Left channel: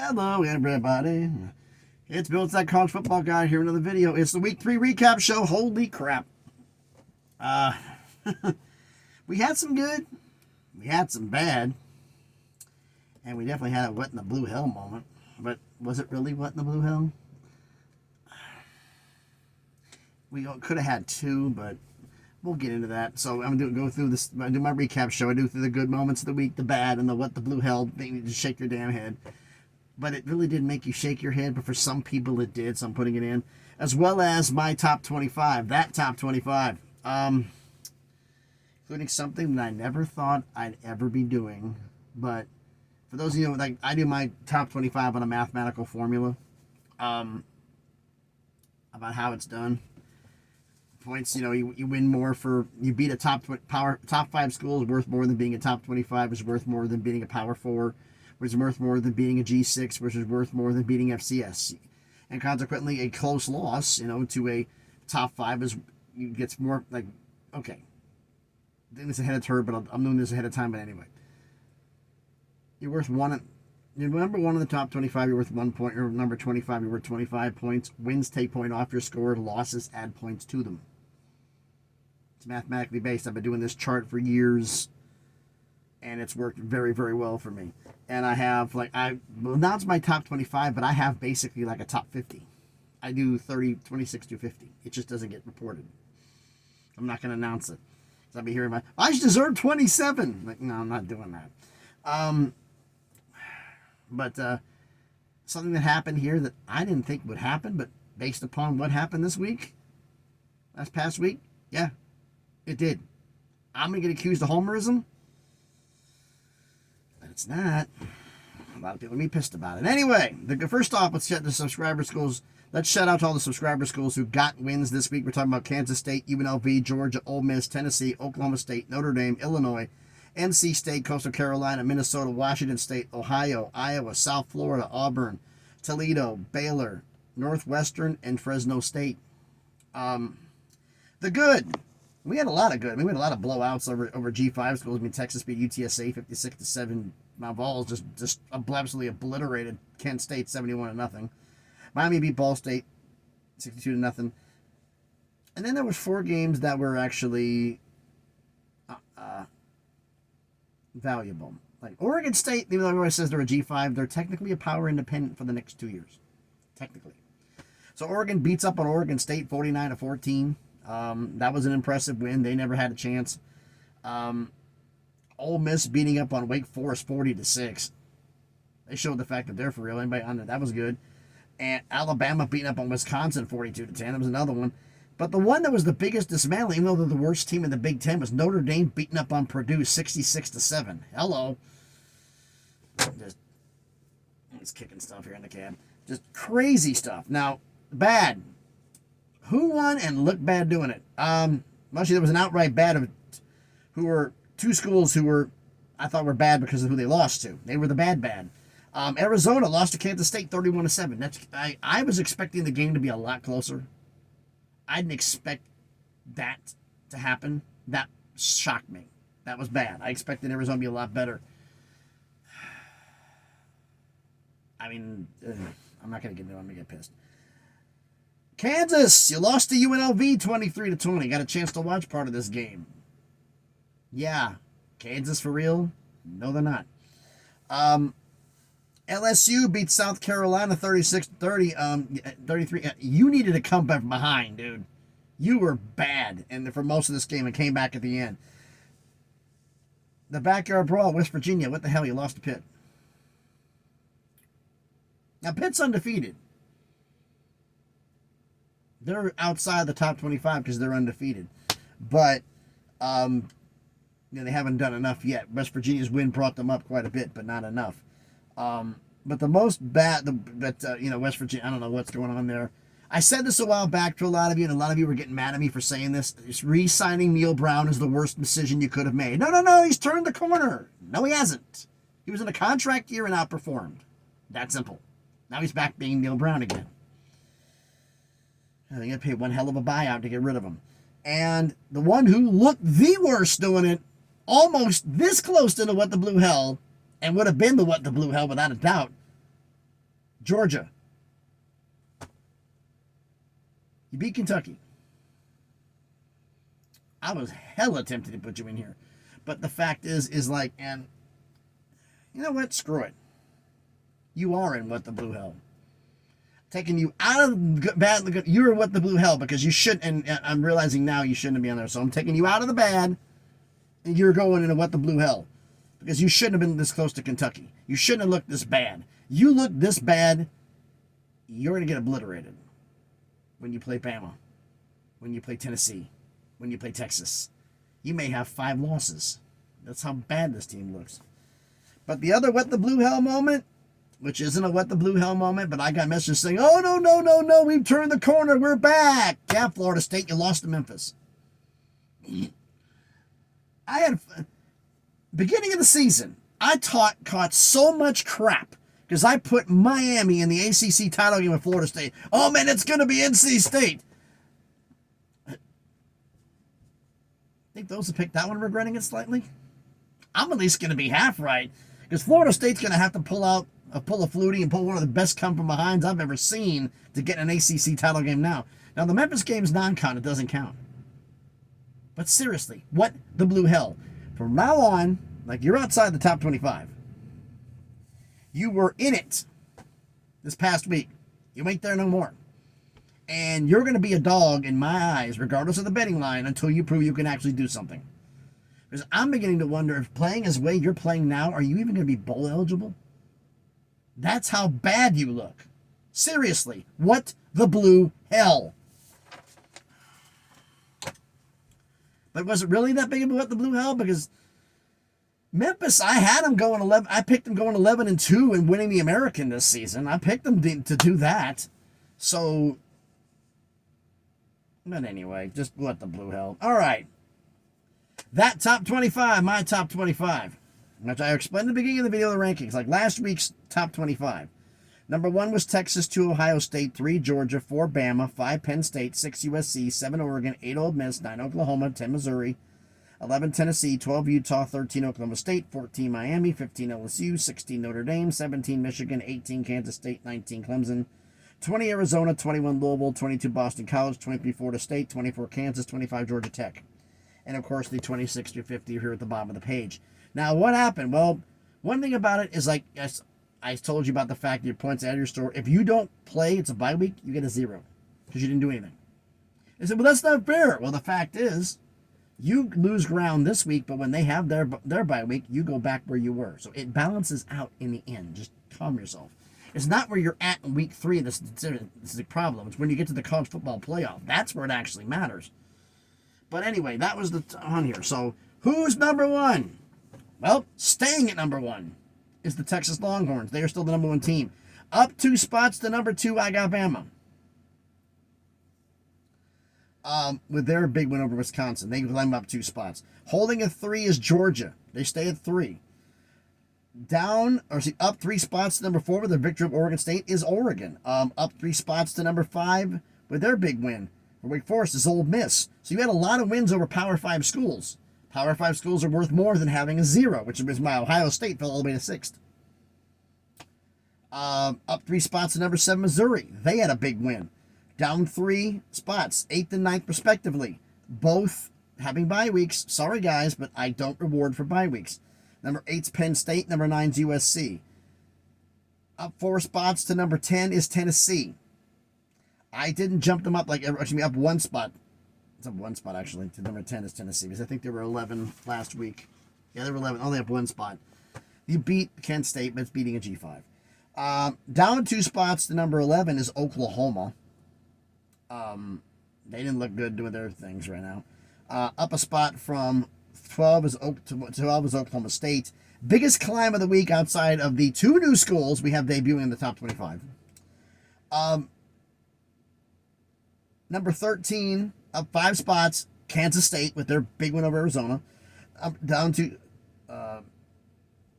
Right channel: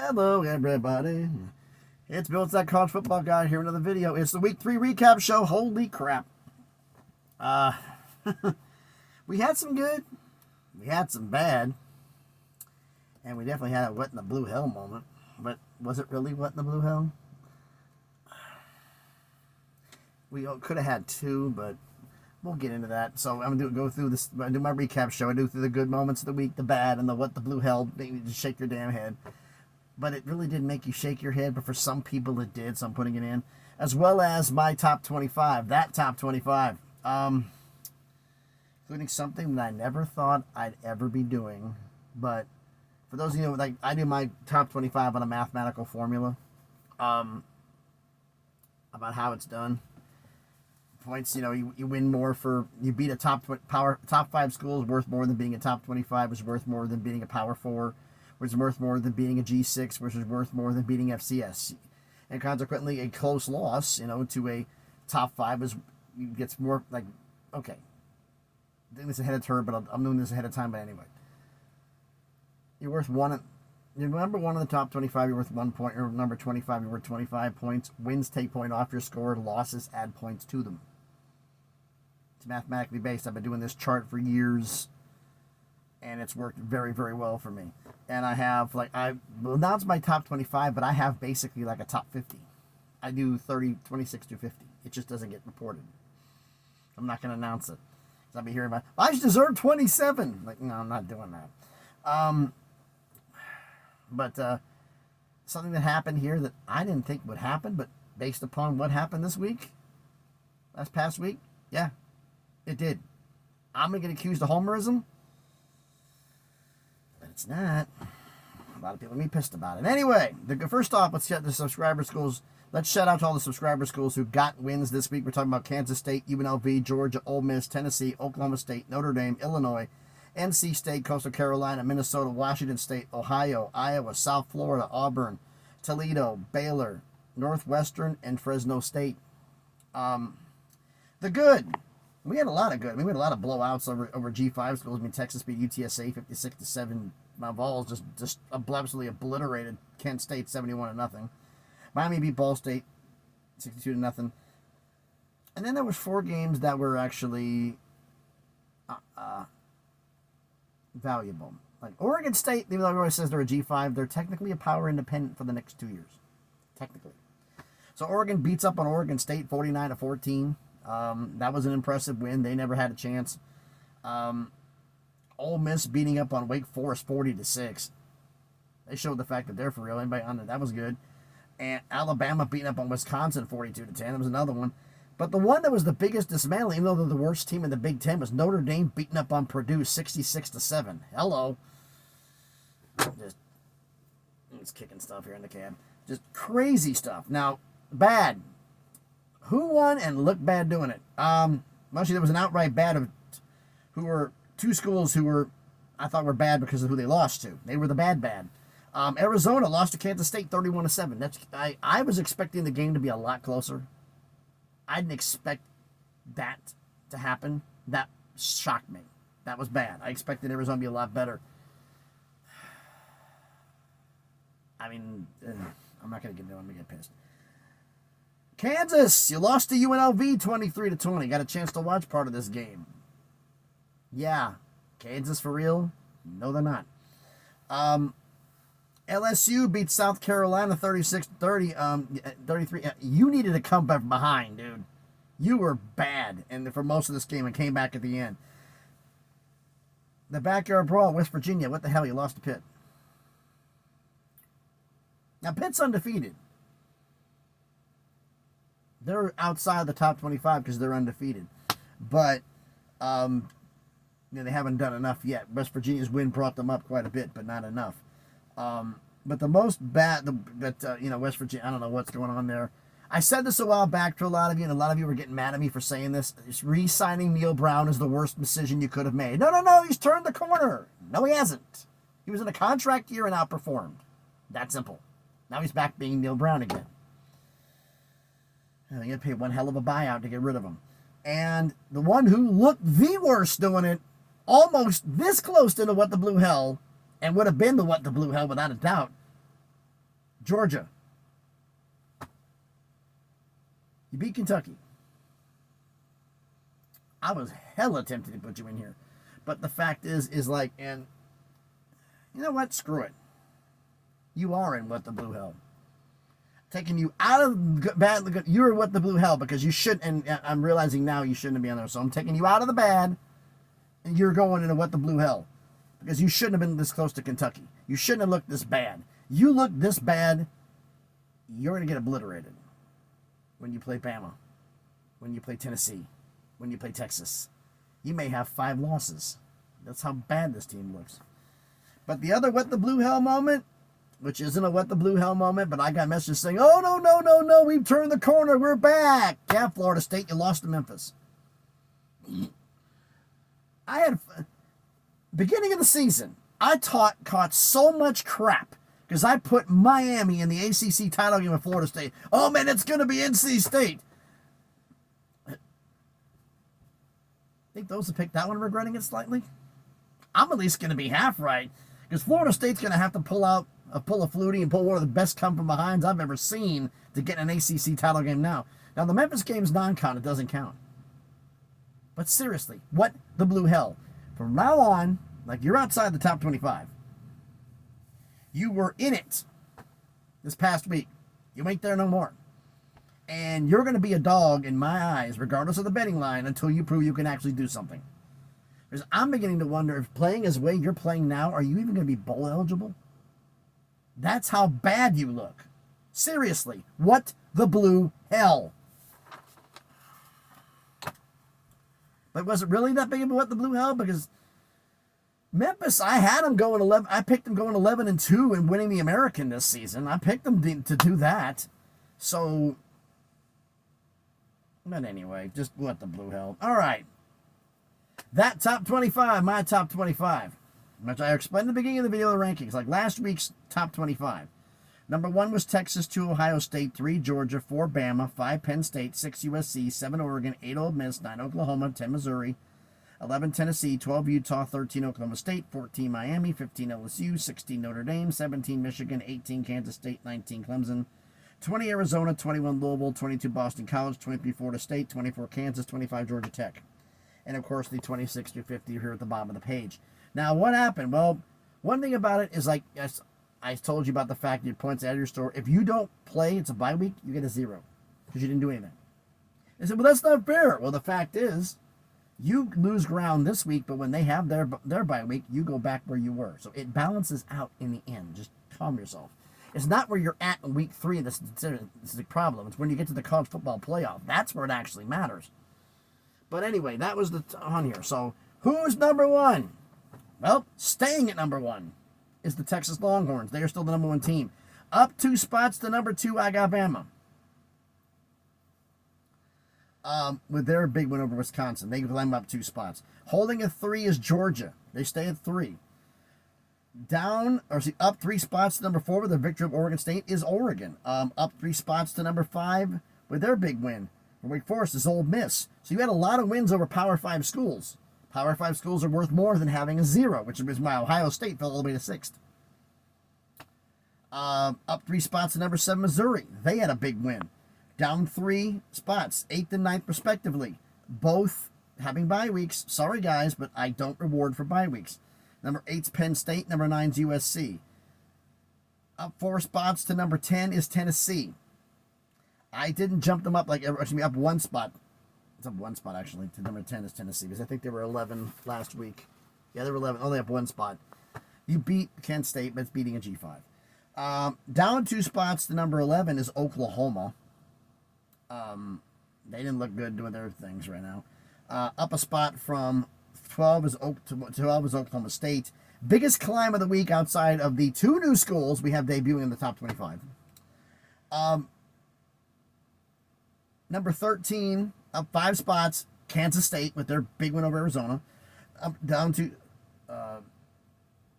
Hello, everybody. It's Bill, it's that college football guy here. Another video. It's the week 3 recap show. Holy crap! Uh, we had some good, we had some bad, and we definitely had a what in the blue hell moment. But was it really what in the blue hell? We could have had two, but we'll get into that. So I'm gonna go through this. I do my recap show. I do through the good moments of the week, the bad, and the what the blue hell. Make you just shake your damn head. But it really did make you shake your head, but for some people it did, so I'm putting it in. As well as my top 25, that top 25. Including something that I never thought I'd ever be doing. But for those of you, like, I do my top 25 on a mathematical formula. About how it's done. Points, you win more you beat a top 5 school is worth more than being a top 25, is worth more than being a power 4. Which is worth more than beating a G6, which is worth more than beating FCS. And consequently, a close loss, to a top 5 gets more, like, okay. I'm doing this ahead of time, but I'm doing this ahead of time, but anyway. You're worth one. You're number 1 in the top 25, you're worth 1 point. Or number 25, you're worth 25 points. Wins take point off your score. Losses add points to them. It's mathematically based. I've been doing this chart for years, and it's worked very, very well for me. And I have, now it's my top 25, but I have basically like a top 50. I do 26 to 50. It just doesn't get reported. I'm not going to announce it. I'll be hearing I deserve 27. Like, no, I'm not doing that. But something that happened here that I didn't think would happen, but based upon what happened this past week, yeah, it did. I'm going to get accused of homerism. It's not. A lot of people are going to be pissed about it. Anyway, first off, let's check the subscriber schools. Let's shout out to all the subscriber schools who got wins this week. We're talking about Kansas State, UNLV, Georgia, Ole Miss, Tennessee, Oklahoma State, Notre Dame, Illinois, NC State, Coastal Carolina, Minnesota, Washington State, Ohio, Iowa, South Florida, Auburn, Toledo, Baylor, Northwestern, and Fresno State. The good. We had a lot of good. I mean, we had a lot of blowouts over G5 schools. I mean, Texas beat UTSA 56-7. Mount Vols just absolutely obliterated Kent State 71-0. Miami beat Ball State 62-0. And then there was 4 games that were actually valuable. Like Oregon State, even though everybody says they're a G5, they're technically a power independent for the next 2 years. Technically. So Oregon beats up on Oregon State 49-14. That was an impressive win. They never had a chance. Ole Miss beating up on Wake Forest 40-6. They showed the fact that they're for real. Anybody on there? That was good. And Alabama beating up on Wisconsin 42-10. That was another one. But the one that was the biggest dismantling, even though they're the worst team in the Big Ten, was Notre Dame beating up on Purdue 66-7. Hello. Just kicking stuff here in the cab. Just crazy stuff. Now, bad. Who won and looked bad doing it? Actually, there was an outright bad of who were 2 schools who I thought were bad because of who they lost to. They were the bad. Arizona lost to Kansas State 31-7. I was expecting the game to be a lot closer. I didn't expect that to happen. That shocked me. That was bad. I expected Arizona to be a lot better. I mean, I'm not going to get pissed. Kansas, you lost to UNLV 23-20. Got a chance to watch part of this game. Yeah, Kansas for real? No, they're not. LSU beat South Carolina 36-30, 33. You needed to come back behind, dude. You were bad for most of this game and came back at the end. The backyard brawl, West Virginia. What the hell? You lost to Pitt. Now, Pitt's undefeated. They're outside the top 25 because they're undefeated. But, they haven't done enough yet. West Virginia's win brought them up quite a bit, but not enough. But the most bad, West Virginia, I don't know what's going on there. I said this a while back to a lot of you, and a lot of you were getting mad at me for saying this. Re-signing Neil Brown is the worst decision you could have made. No, he's turned the corner. No, he hasn't. He was in a contract year and outperformed. That simple. Now he's back being Neil Brown again. They're going to pay one hell of a buyout to get rid of him. And the one who looked the worst doing it, almost this close to the What the Blue Hell, and would have been the What the Blue Hell without a doubt, Georgia. You beat Kentucky. I was hella tempted to put you in here. But the fact is like, and you know what? Screw it. You are in what the blue hell. Taking you out of bad. You're what the blue hell because you shouldn't. And I'm realizing now you shouldn't be on there. So I'm taking you out of the bad, and you're going into what the blue hell because you shouldn't have been this close to Kentucky. You shouldn't have looked this bad. You look this bad, you're gonna get obliterated when you play Bama, when you play Tennessee, when you play Texas. You may have 5 losses. That's how bad this team looks. But the other what the blue hell moment, which isn't a what the blue hell moment, but I got messages saying, oh, no, we've turned the corner, we're back. Yeah, Florida State, you lost to Memphis. I had, beginning of the season, I caught so much crap because I put Miami in the ACC title game with Florida State. Oh, man, it's going to be NC State. I think those who picked that one are regretting it slightly. I'm at least going to be half right because Florida State's going to have to pull a Flutie and pull one of the best come-from-behinds I've ever seen to get an ACC title game now. Now, the Memphis game's non-con. It doesn't count. But seriously, what the blue hell? From now on, like you're outside the top 25. You were in it this past week. You ain't there no more. And you're going to be a dog in my eyes, regardless of the betting line, until you prove you can actually do something. Because I'm beginning to wonder if playing as way you're playing now, are you even going to be bowl eligible? That's how bad you look. Seriously, what the blue hell? But was it really that big of a what the blue hell? Because Memphis, I had them going 11. I picked them going 11-2 and winning the American this season. I picked them to do that. So, but anyway, just what the blue hell. All right. That top 25, my top 25. Which I explained at the beginning of the video, the rankings, like last week's top 25. Number 1 was Texas, 2 Ohio State, 3 Georgia, 4 Bama, 5 Penn State, 6 USC, 7 Oregon, 8 Ole Miss, 9 Oklahoma, 10 Missouri, 11 Tennessee, 12 Utah, 13 Oklahoma State, 14 Miami, 15 LSU, 16 Notre Dame, 17 Michigan, 18 Kansas State, 19 Clemson, 20 Arizona, 21 Louisville, 22 Boston College, 23 Florida State, 24 Kansas, 25 Georgia Tech. And of course the 26 to 50 here at the bottom of the page. Now, what happened? Well, one thing about it is, like I told you about the fact that your points out of your store. If you don't play, it's a bye week, you get a 0 because you didn't do anything. They said, well, that's not fair. Well, the fact is, you lose ground this week, but when they have their bye week, you go back where you were. So it balances out in the end. Just calm yourself. It's not where you're at in week 3 this is the problem. It's when you get to the college football playoff. That's where it actually matters. But anyway, that was on here. So who's number 1? Well, staying at number 1 is the Texas Longhorns. They are still the number 1 team. Up 2 spots to number 2, I got Bama. With their big win over Wisconsin. They climb up 2 spots. Holding at 3 is Georgia. They stay at 3. Up 3 spots to number 4 with their victory of Oregon State is Oregon. Up 3 spots to number 5 with their big win for Wake Forest is Ole Miss. So you had a lot of wins over Power 5 schools. Power 5 schools are worth more than having a 0, which is why Ohio State fell all the way to 6th. Up 3 spots to number 7, Missouri. They had a big win. Down 3 spots, 8th and 9th respectively. Both having bye weeks. Sorry, guys, but I don't reward for bye weeks. Number 8's Penn State. Number 9's USC. Up 4 spots to number 10 is Tennessee. I didn't jump them up up 1 spot. It's up 1 spot, actually, to number 10 is Tennessee, because I think they were 11 last week. Yeah, they were 11. Only up 1 spot. You beat Kent State, but it's beating a G5. Down 2 spots to number 11 is Oklahoma. They didn't look good doing their things right now. Up a spot from 12 is Oklahoma State. Biggest climb of the week outside of the 2 new schools we have debuting in the top 25. Number 13, up 5 spots, Kansas State with their big win over Arizona. Up down to, I'm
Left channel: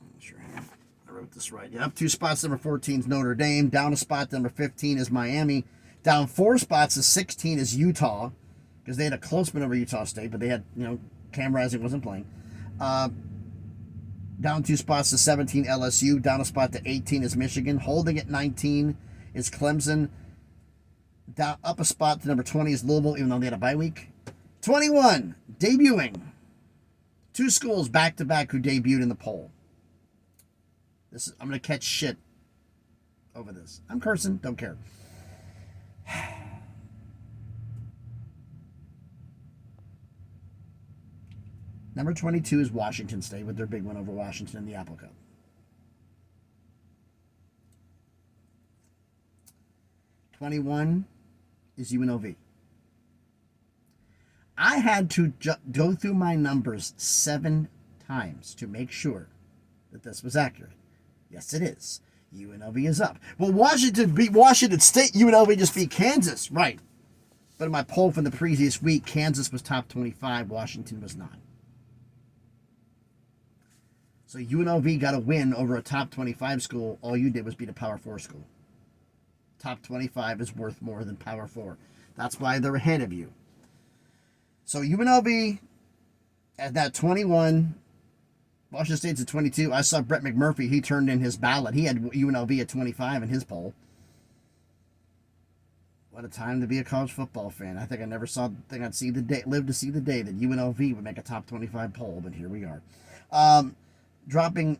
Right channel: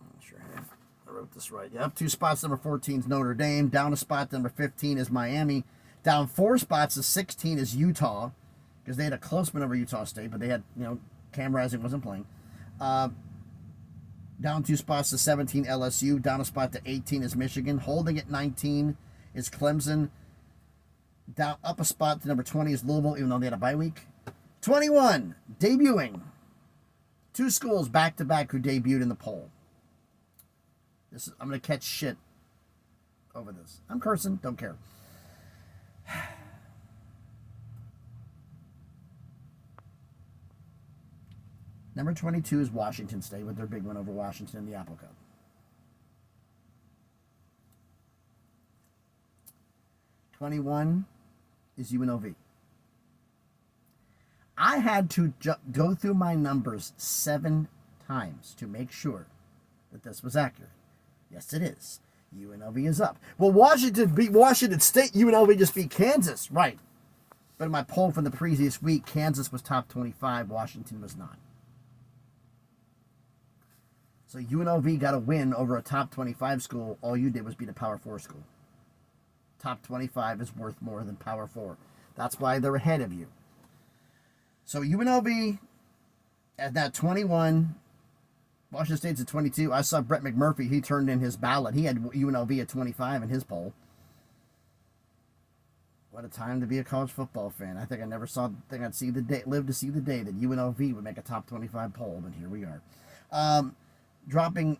not sure I wrote this right. Yeah, up 2 spots, number 14 is Notre Dame. Down a spot, number 15 is Miami. Down 4 spots to 16 is Utah, because they had a close win over Utah State, but they had, Cam Rising wasn't playing. Down 2 spots to 17, LSU. Down a spot to 18 is Michigan. Holding at 19 is Clemson. Down up a spot to number 20 is Louisville, even though they had a bye week. 21, debuting. 2 schools back-to-back who debuted in the poll. I'm going to catch shit over this. I'm cursing, don't care. Number 22 is Washington State with their big win over Washington in the Apple Cup. 21 is UNLV. I had to go through my numbers 7 times to make sure that this was accurate. Yes, it is. UNLV is up. Well, Washington beat Washington State. UNLV just beat Kansas. Right. But in my poll from the previous week, Kansas was top 25. Washington was not. So UNLV got a win over a top 25 school. All you did was beat a Power 4 school. Top 25 is worth more than Power 4. That's why they're ahead of you. So UNLV at that 21, Washington State's at 22. I saw Brett McMurphy. He turned in his ballot. He had UNLV at 25 in his poll. What a time to be a college football fan. I think I never think I'd see the day, live to see the day that UNLV would make a top 25 poll, but here we are. Climbing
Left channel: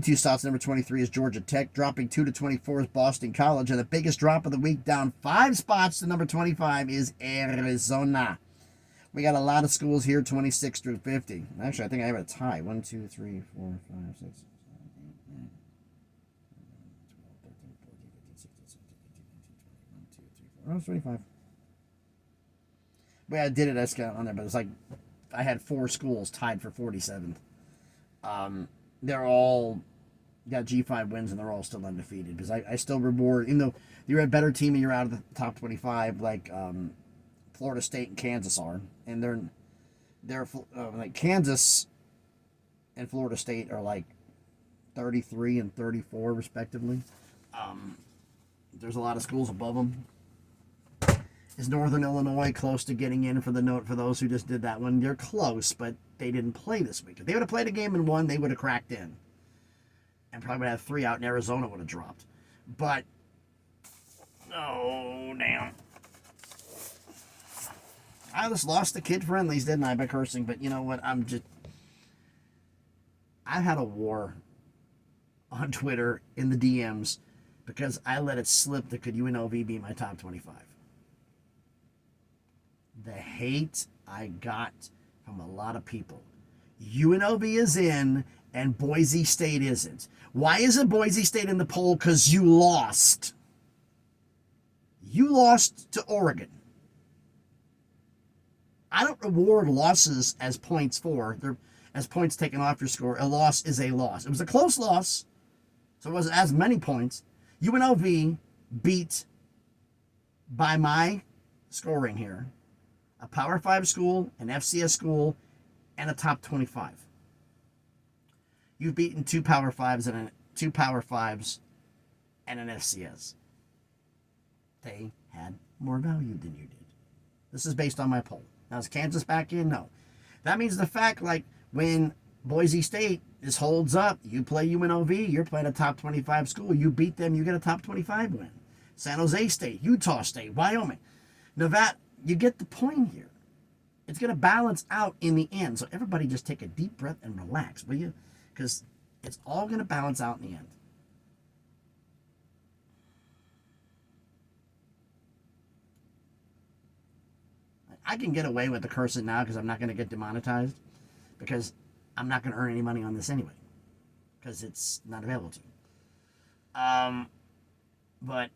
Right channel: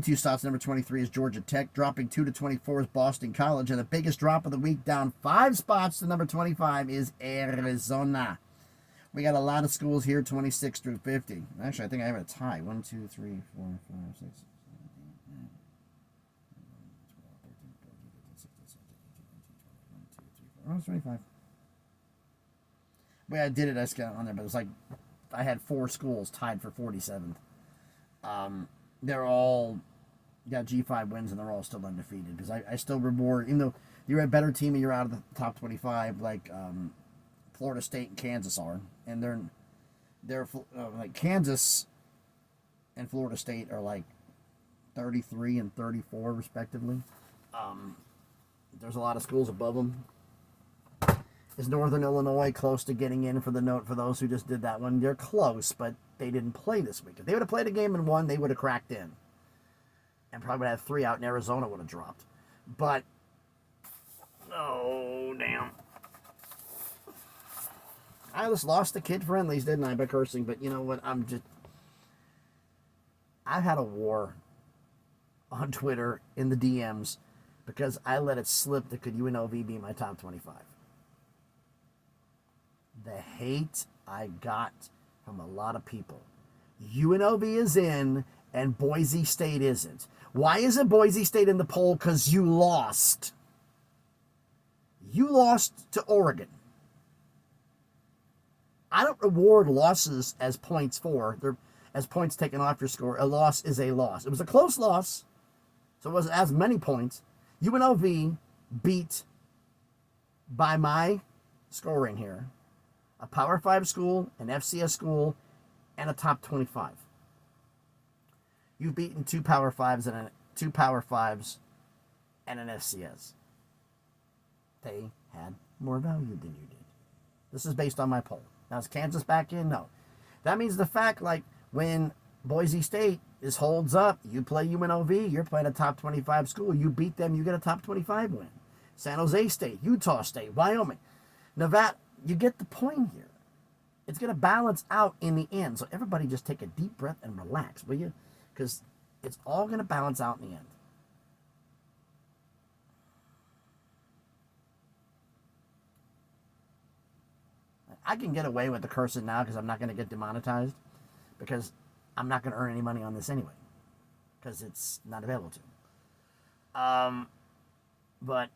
2 spots, number 23 is Georgia Tech. Dropping 2 to 24 is Boston College. And the biggest drop of the week, down 5 spots to number 25, is Arizona. We got a lot of schools here, 26 through 50. Actually, I think I have a tie. 1, 2, 3, 4, 5, 6, 7, 8, 9, 12, 13, 14, 15, 16, 17, 18, 19, 20, 21, 2, 3, 4. Oh, it's 25. The way I did it, I just got on there, but it's like I had 4 schools tied for 47th. They're all got G5 wins, and they're all still undefeated. Because I still reward, even though you're a better team and you're out of the top 25, like Florida State and Kansas are, and they're like Kansas and Florida State are like 33 and 34 respectively. There's a lot of schools above them. Is Northern Illinois close to getting in for the note for those who just did that one? They're close, but they didn't play this week. If they would have played a game and won, they would have cracked in. And probably would have 3 out, and Arizona would have dropped. But, oh, damn. I just lost the kid friendlies, didn't I, by cursing? But you know what? I've had a war on Twitter in the DMs because I let it slip that could UNLV be my top 25. The hate I got from a lot of people. UNLV is in and Boise State isn't. Why isn't Boise State in the poll? Because you lost. You lost to Oregon. I don't reward losses as points for. They're as points taken off your score. A loss is a loss. It was a close loss, so it wasn't as many points. UNLV beat, by my scoring here, a Power 5 school, an FCS school, and a top 25. You've beaten 2 Power 5s and 2 Power 5s and an FCS. They had more value than you did. This is based on my poll. Now, is Kansas back in? No. That means the fact, like, when Boise State holds up, you play UNLV, you're playing a top 25 school. You beat them, you get a top 25 win. San Jose State, Utah State, Wyoming, Nevada. You get the point here. It's going to balance out in the end. So everybody just take a deep breath and relax, will you? Because it's all going to balance out in the end. I can get away with the cursing now because I'm not going to get demonetized, because I'm not going to earn any money on this anyway, because it's not available to. But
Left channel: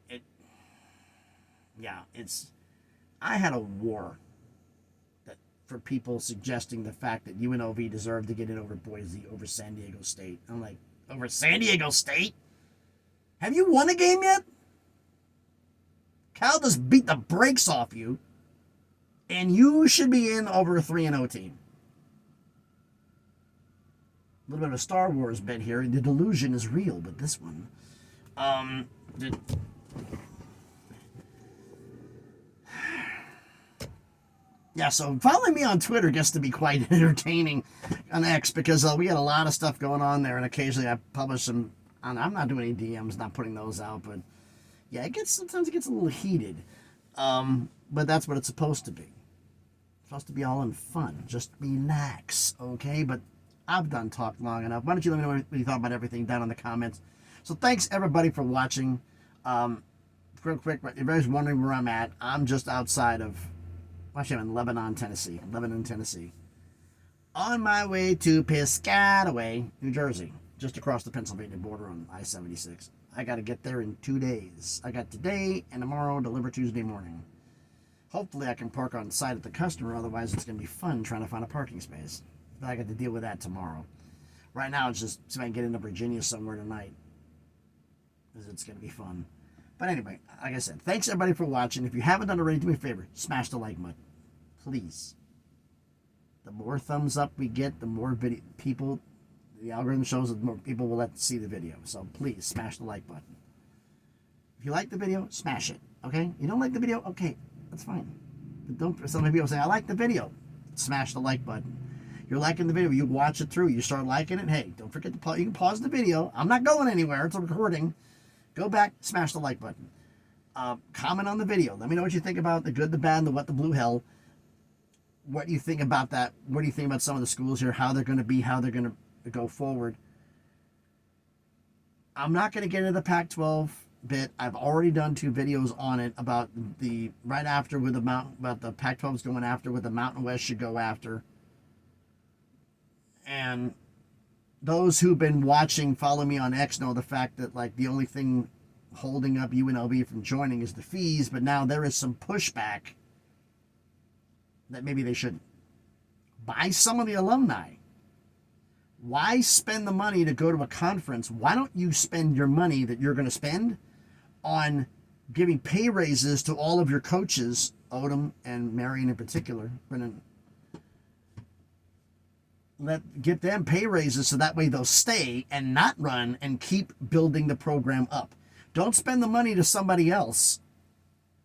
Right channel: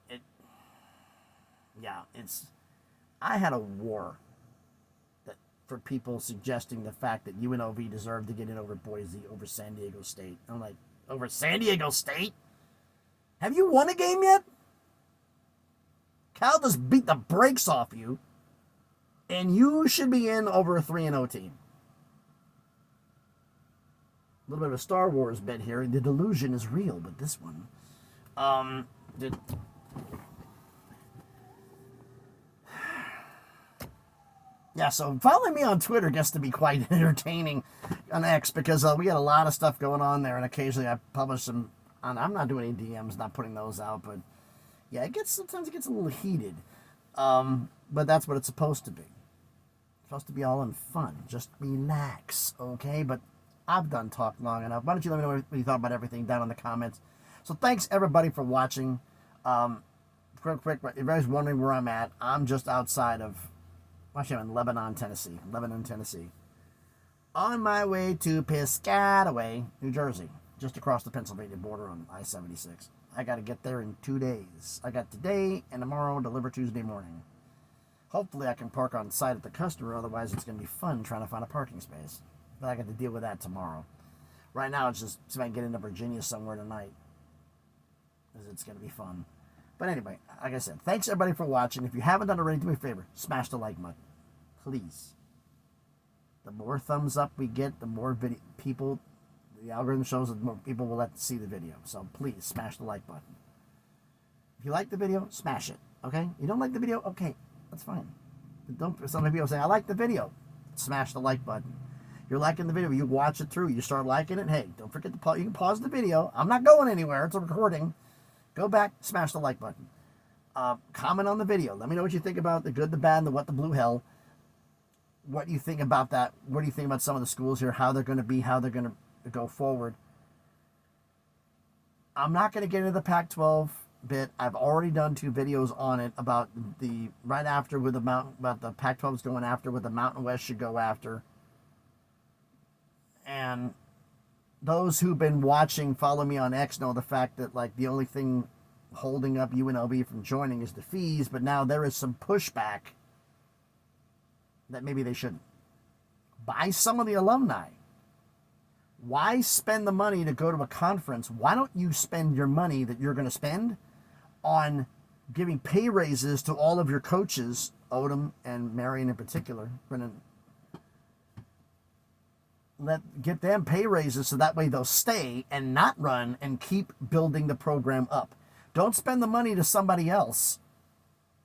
I had a war for people suggesting the fact that UNLV deserved to get in over Boise, over San Diego State. I'm like, over San Diego State? Have you won a game yet? Cal just beat the brakes off you, and you should be in over a 3-0 team. A little bit of a Star Wars bit here. The delusion is real, but this one, yeah, so following me on Twitter gets to be quite entertaining. on X because we got a lot of stuff going on there, and occasionally I publish some. I'm not doing any DMs, not putting those out, but yeah, sometimes it gets a little heated. But that's what it's supposed to be. It's supposed to be all in fun. Just relax, okay? But I've done talk long enough. Why don't you let me know what you thought about everything down in the comments. So thanks everybody for watching. Real quick, if everybody's wondering where I'm at, I'm just outside of, actually I'm in Lebanon, Tennessee. On my way to Piscataway, New Jersey, just across the Pennsylvania border on I-76. I got to get there in 2 days. I got today and tomorrow, deliver Tuesday morning. Hopefully I can park on site at the customer, otherwise it's going to be fun trying to find a parking space. But I got to deal with that tomorrow. Right now it's just see if I can get into Virginia somewhere tonight. Because it's going to be fun. But anyway, like I said, thanks everybody for watching. If you haven't done it already, do me a favor, smash the like button. Please. The more thumbs up we get, the more people, the algorithm shows that more people will let see the video. So please, smash the like button. If you like the video, smash it, okay? You don't like the video, okay, that's fine. But don't, some people say, I like the video. Smash the like button. You're liking the video, you watch it through, you start liking it, hey, don't forget to pause, you can pause the video. I'm not going anywhere, it's a recording. Go back, smash the like button. Comment on the video. Let me know what you think about the good, the bad, and the what the blue hell. What do you think about that? What do you think about some of the schools here? How they're going to be, how they're going to go forward. I'm not going to get into the Pac-12 bit. I've already done 2 videos on it about the right after with the Mountain, about the Pac-12's going after, what the Mountain West should go after. And those who've been watching, follow me on X, know the fact that like the only thing holding up UNLV from joining is the fees, but now there is some pushback that maybe they shouldn't. Buy some of the alumni. Why spend the money to go to a conference? Why don't you spend your money that you're going to spend on giving pay raises to all of your coaches, Odom and Marion in particular, Brennan? Get them pay raises so that way they'll stay and not run and keep building the program up. Don't spend the money to somebody else.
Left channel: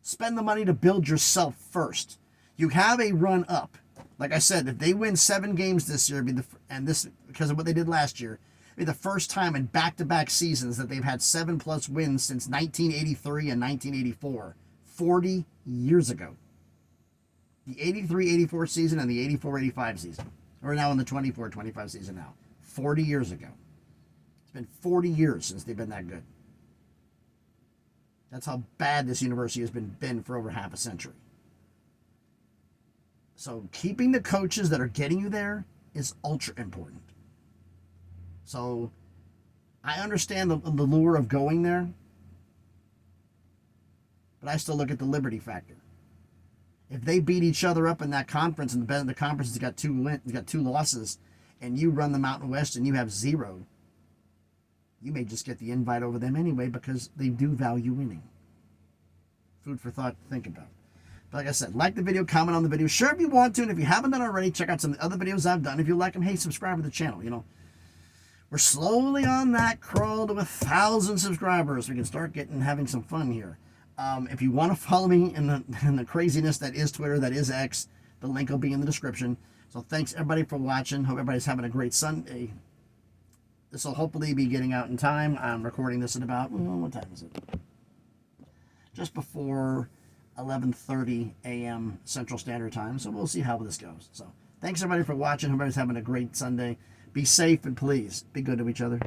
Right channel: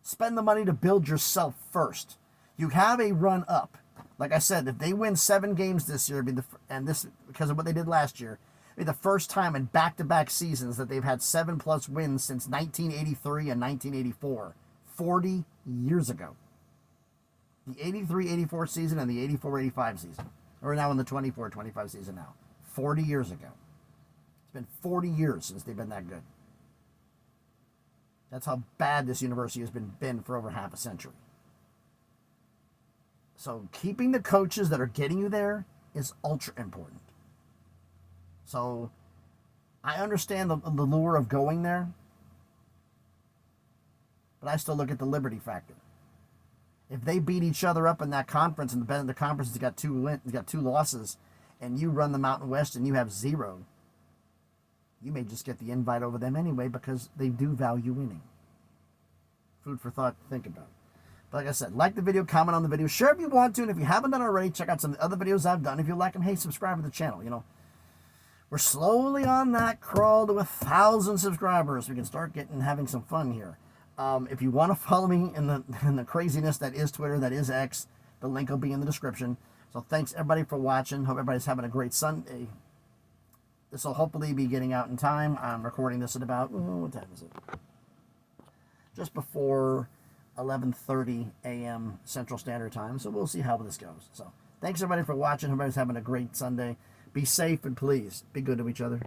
Spend the money to build yourself first. You have a run up. Like I said, if they win 7 games this year, and this because of what they did last year, it'll be the first time in back-to-back seasons that they've had 7+ wins since 1983 and 1984, 40 years ago. The 83-84 season and the 84-85 season. We're now in the 24-25 season now. 40 years ago. It's been 40 years since they've been that good. That's how bad this university has been for over half a century. So keeping the coaches that are getting you there is ultra important. So I understand the lure of going there, but I still look at the liberty factor. If they beat each other up in that conference, and the conference has got 2 losses, and you run the Mountain West and you have 0, you may just get the invite over them anyway because they do value winning. Food for thought to think about. But like I said, like the video, comment on the video, share if you want to, and if you haven't done it already, check out some of the other videos I've done. If you like them, hey, subscribe to the channel. You know, we're slowly on that crawl to 1,000 subscribers. We can start having some fun here. If you want to follow me in the craziness that is Twitter, that is X, the link will be in the description. So thanks everybody for watching. Hope everybody's having a great Sunday. This will hopefully be getting out in time. I'm recording this at about, what time is it? Just before 11:30 a.m. Central Standard Time. So we'll see how this goes. So thanks everybody for watching. Everybody's having a great Sunday. Be safe and please be good to each other.